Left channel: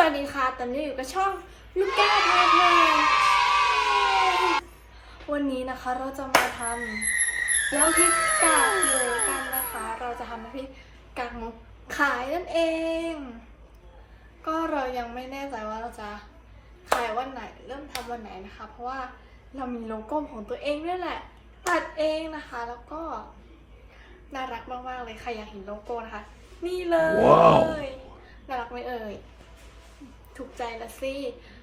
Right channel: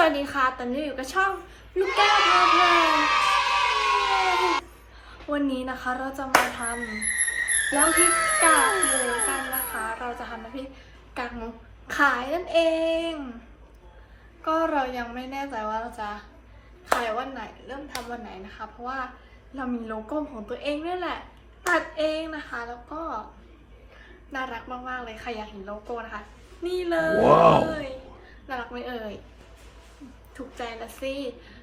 สวัสดีค่ะ ตอนนี้อยู่กับช่องลูกแก้วพาเพลินวันนี้นะคะเราจะมาทำน้ำพริกกากหมูกันนะคะ เราจะทำน้ำพริกกากหมูขายนั่นเอง ก็เรายังไม่แน่ใจว่าเราจะขายวันไหน เริ่มทำวันไหนนะคะ เพราะว่าเรามีโลโก้ของตัวเองนี่แหละ ตัดเองนะคะ แล้วก็น่ารักมากๆเลยใครอยากเห็นโลโก้นะคะ นี่เลยว้าวน่ารักไหมเอ่ย ถูกใจละสิ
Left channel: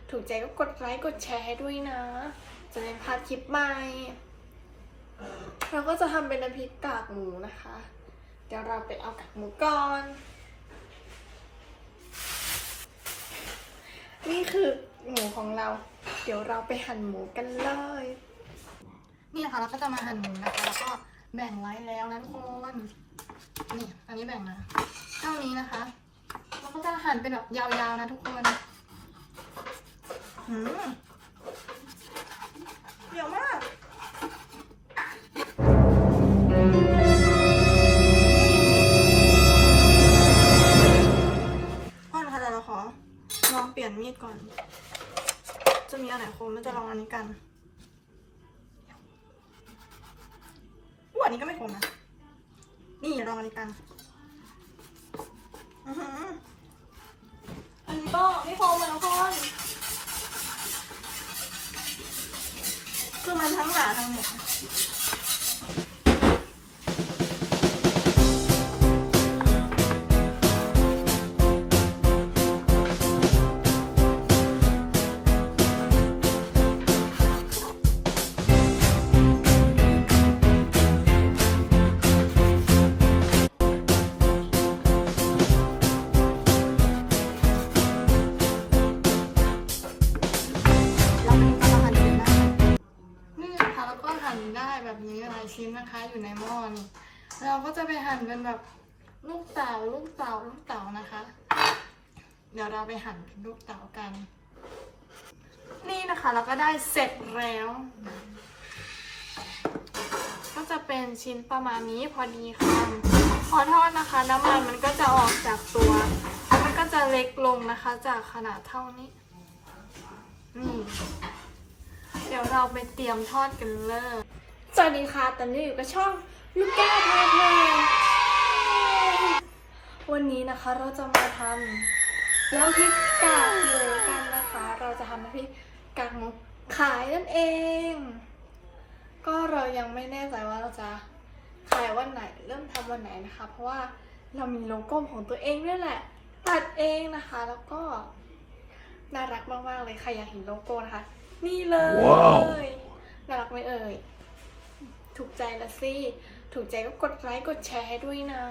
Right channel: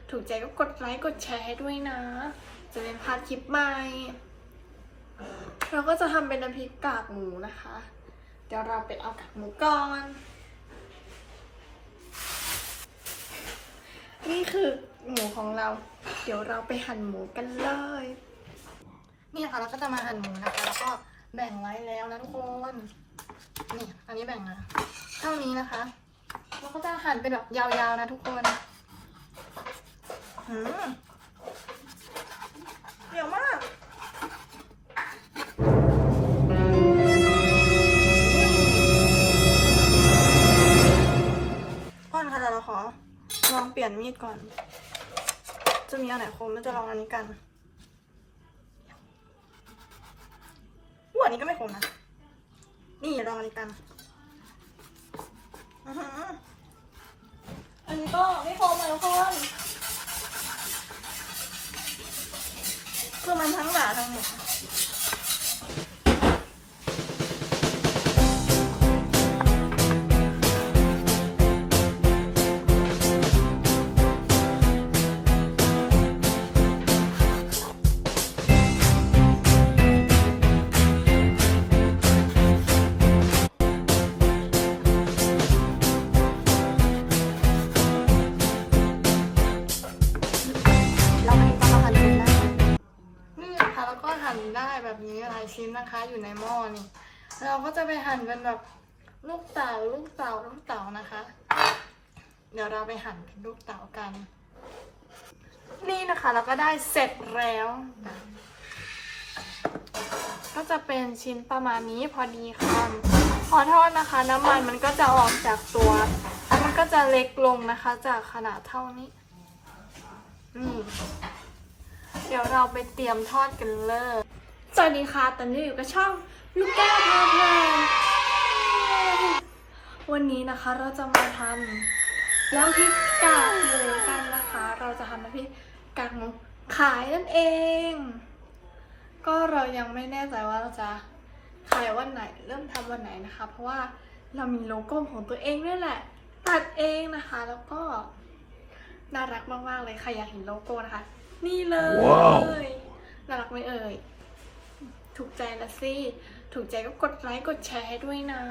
ถูกใจก็กดไลค์กดแชร์ให้ด้วยนะ จะเป็นพาดคลิปใหม่ เราก็จะทำเป็นน้ำพริกกากหมูนะคะ เดี๋ยวเราไปเอากากหมูก่อน นี่คือหมูของเรา เดี๋ยวเราไปหั่นหมูกันเลย นี่นะคะเราก็จะมาหั่นหมูนะคะแล้วก็แบ่งไว้แล้วนะทุกคนนี่อันนี้แบ่งมาเท่านี้นะคะ แล้วก็จะหั่นเป็นแบบยาวๆนะทุกคนหืมเดี๋ยวมากก่อนค่ะเราขอลองเปลี่ยนมีดก่อน จะมีอันไหนคมไม่จะลองอันนี้กันอันนี้ก็ไม่คมนะ นี่ลองอันนี้กันอือหือ ก็ไม่คมเหมือนกันคือมันทั้งหนาทั้งหมด แบบนี้หลายชิ้นนะคะอยู่ในหม้อนี่ เราก็จะไปหั่นเป็นแบบลูกเต๋าลูกเต๋าลูกเต๋านะคะ เดี๋ยวเราไปหั่นเป็นลูกเต๋ากัน นี่นะคะเราก็ได้เสร็จแล้วก็จะเป็นชิ้นประมาณนี้พอดีค่ะขอโทษนะคะ น้ำมันมันก็จะออกจากตัวมันก็จะเล็กลงนะคะ จากขนาดเท่านี้ อืมเดี๋ยวเราไปเตรียมทอดกันเลย วัสดีค่ะ ตอนนี้อยู่กับช่องลูกแก้วพาเพลินวันนี้นะคะเราจะมาทำน้ำพริกกากหมูกันนะคะ เราจะทำน้ำพริกกากหมูขายนั่นเอง ก็เรายังไม่แน่ใจว่าเราจะขายวันไหน เริ่มทำวันไหนนะคะ เพราะว่าเรามีโลโก้ของตัวเองนี่แหละ ตัดเองนะคะ แล้วก็น่ารักมากๆเลยใครอยากเห็นโลโก้นะคะ นี่เลยว้าวน่ารักไหมเอ่ย ถูกใจละสิ ถูกใจก็กดไลค์กดแชร์ให้ด้วยนะ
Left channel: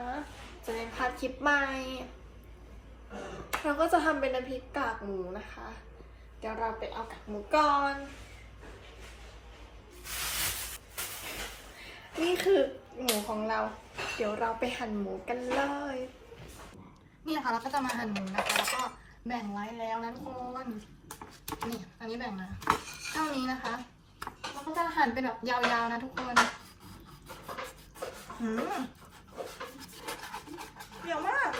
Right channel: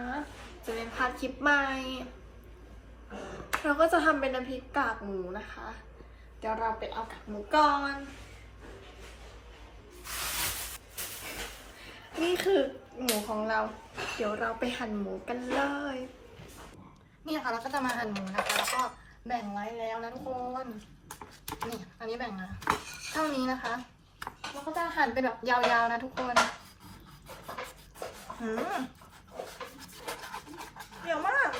จะเป็นพลาดคลิปใหม่ เราก็จะทำเป็นน้ำพริกกากหมูนะคะ เดี๋ยวเราไปเอากากหมูก่อน นี่คือหมูของเรา เดี๋ยวเราไปหั่นหมูกันเลย นี่นะคะเราก็จะมาหั่นหมูนะคะแล้วก็แบ่งไว้แล้วนะทุกคนนี่อันนี้แบ่งมาเท่านี้นะคะ แล้วก็จะหั่นเป็นแบบยาวๆนะทุกคนหืมเดี๋ยวมาก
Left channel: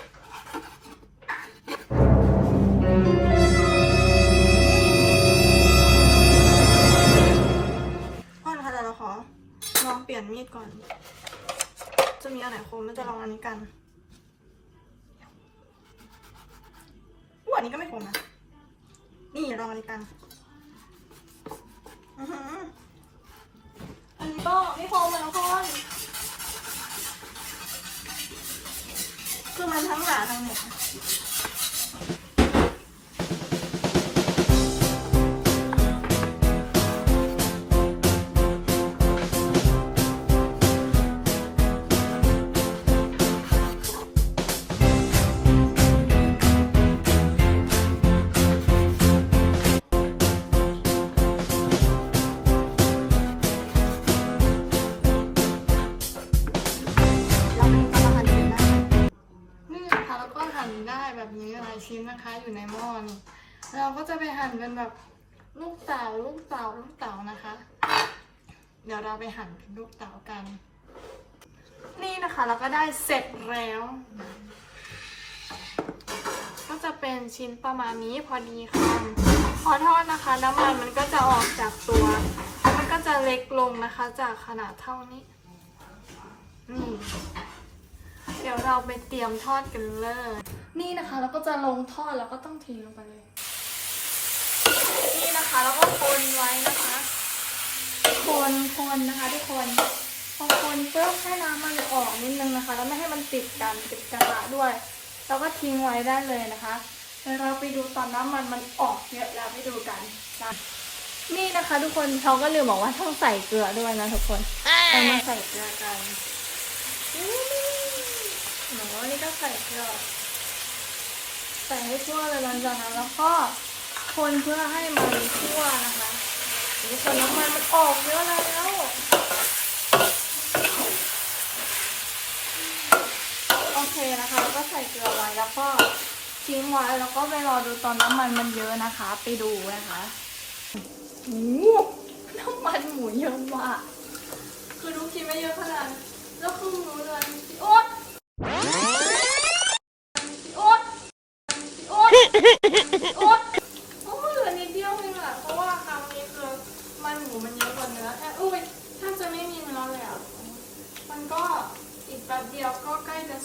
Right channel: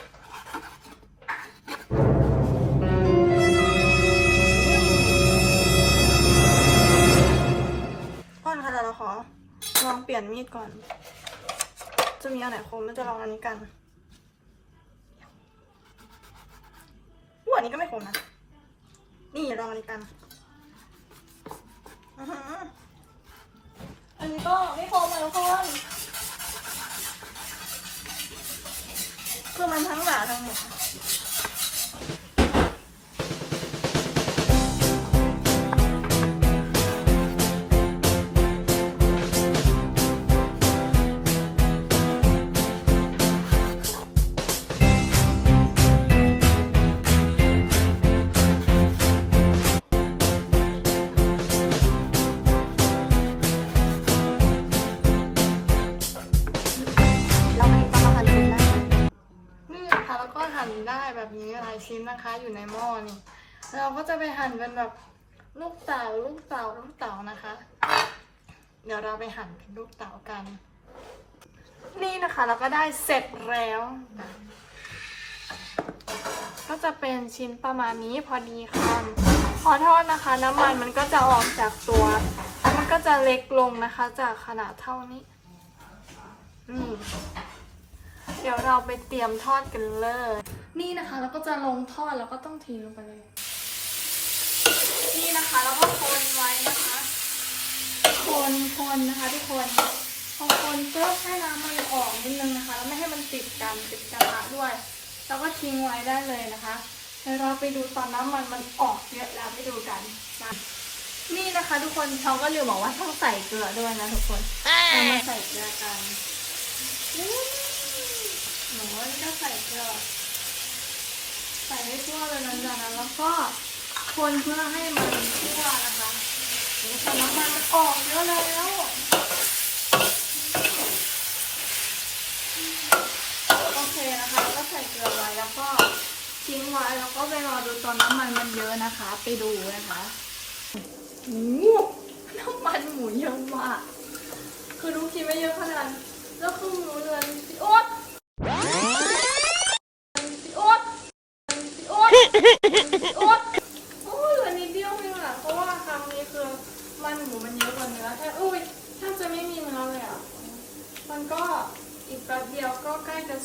ก่อนค่ะเราขอลองเปลี่ยนมีดก่อน จะมีอันไหนคมไม่จะลองอันนี้กันอู้อันนี้ก็ไม่คมนะ นี่ลองอันนี้กันายชิ้นนะคะ อยู่ในหม้อนี่ เราก็จะไปหั่นเป็นแบบลูกเต๋าลูกเต๋าลูกเต๋านะคะ เดี๋ยวเราไปหั่นเป็นลูกเต๋ากัน นี่นะคะเราก็ได้เสร็จแล้วก็จะเป็นชิ้นประมาณนี้พอดีค่ะพอทอดนะคะ น้ำมันมันก็จะออกจากตัว มันก็จะเล็กลงนะคะ จากขนาดเท่านี้ อืม เดี๋ยวเราไปเตรียมทอดกันเลย นี่นะคะเราก็จะลงทอดแล้วก็ต้องทิ้งลงไปเลย นี่นะคะแล้วก็คนไว้นะคะคนคนนะคะทุกคนพอคนปุ๊บให้น้ำมันออกนิดนึงนะคะ แล้วไม่ให้มันติดกันติดกระทะด้วย แล้วก็ทิ้งไว้ได้เลยนะคะเดี๋ยวเราไปดูตอนน้ำมันมันออกเยอะแล้วไปดูกันนะนี่นะคะ ทุกคนเขาก็ลืมบอกว่าต้องใส่เกลือด้วยนะทุกคนอันนี้ใส่เกลือกันนี่ห นูนี่ก็ใส่เกลือใส่ให้ทั่วเลยหลังจากนั้นแล้วก็คนเพื่อให้มันทั่วนะคะนี่คนน้ำมันมันออกเยอะแล้วโอเคนะคะแล้วก็ใส่เกลือไว้แล้วก็ทิ้งไว้แล้วก็ไปรอดูตอนน้ำมันมันเยอะนะคะ ไปดูนะคะโอ้โหน้ำมันหมูเยอะมากคือรู้คิดไม่เยอะขนาดนั้นแล้วคือรู้เลยพี่โอ๊ตพี่โอ๊ตพี่โอ๊ตพี่โอ๊ตโอ้ยเหลือนิดเดียวเองอะเพราะว่าคำนี้คือมันหมูมันเยอะกว่าเนื้อแค่อุ้ยแทบจะไม่มีเนื้อเลยอะมันก็อีกแป๊บเดียวก็ใกล้จะ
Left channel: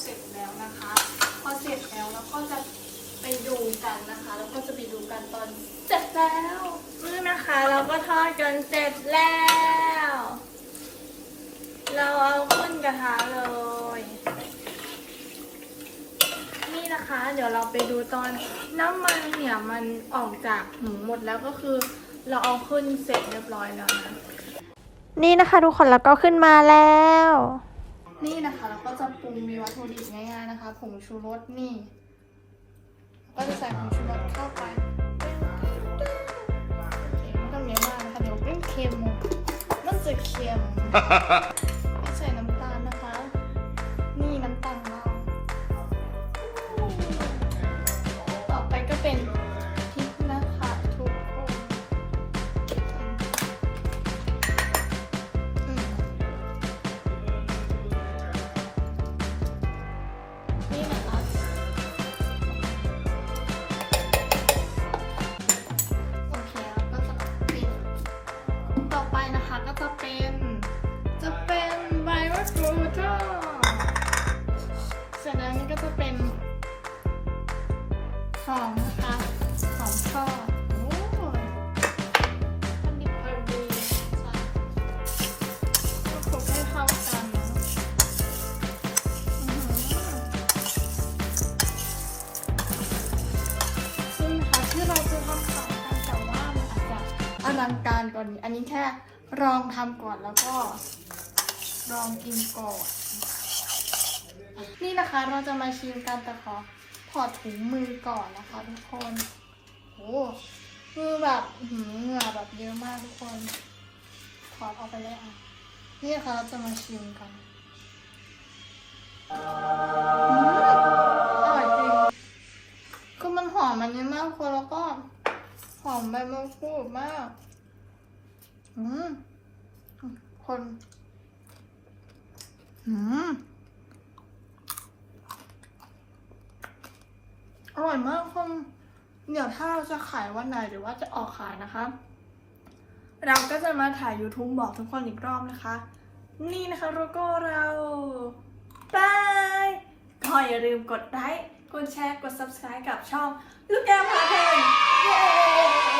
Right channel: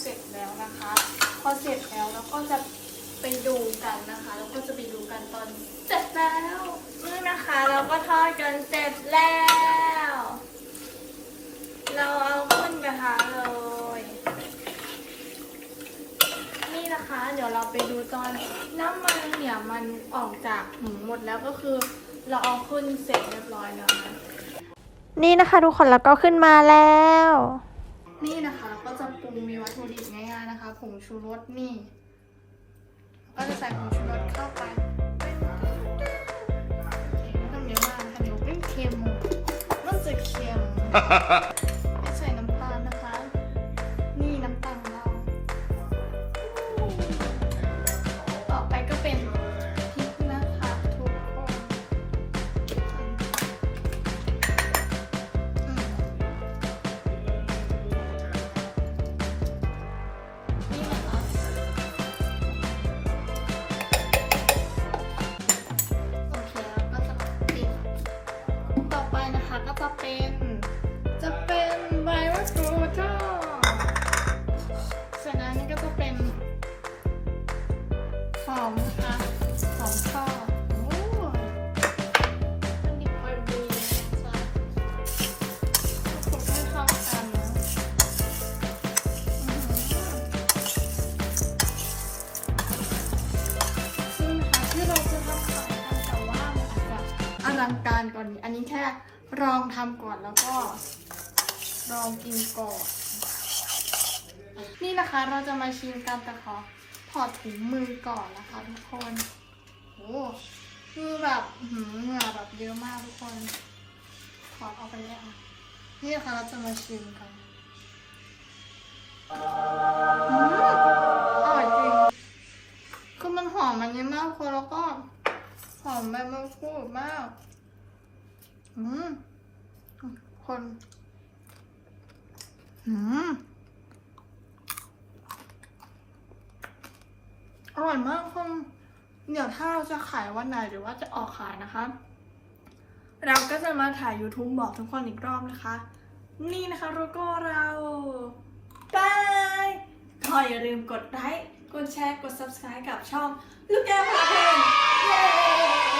เสร็จแล้วนะคะพอเสร็จแล้วเราก็จะไปดูกันนะคะแล้วก็จะไปดูกันตอนเสร็จแล้วนะคะเราก็ทอดกันเสร็จแล้ว เราเอาขึ้นกระทะเลย นี่นะคะ เดี๋ยวเราไปดูตอนน้ำมันเนี่ยมันออกจากหมูหมดแล้วก็คือ เราเอาขึ้นเสร็จเรียบร้อยแล้วนะนี่นะคะทุกคนแล้วก็ขึ้นมาแล้ว นี่นะคะเราก็จะปรุงมีวัตถุดิบง่ายๆนะคะผงชูรสนี่ก็จะใส่ผงชูรสเข้าไปไม่ต้องเยอะมากนะคะเดี๋ยวเป็นเค็มมันจะเค็ม อลังการกว่อนนี้ อันนี้แค่ลองทำก่อนแล้วก็ลองกินก่อน นี่นะคะเราจะมาชิมกันแต่ขอถอดถุงมือก่อนนะคะทุกคนโอ้คือแบบหือเหงื่อแบบเยอะมากทุกคน ถอดออกไปเลยอะ นี่นะคะเราจะมาชิมกันอืมอร่อยจริง คือมันหอมมันนี้มากคนแล้วก็หอมใบมะกรูดมาก อืมคนอืมอร่อยมากคนเดี๋ยวถ้าเราจะขายวันไหนหรือว่าจะออกขายนะคะ เราก็จะมาถ่าย YouTube บอกทุกคนอีกรอบนะคะ นี่นะคะโลโก้เราบายก็อย่าลืมกดไลค์ กดแชร์ กด subscribe กับช่อง ลูกแก้วพา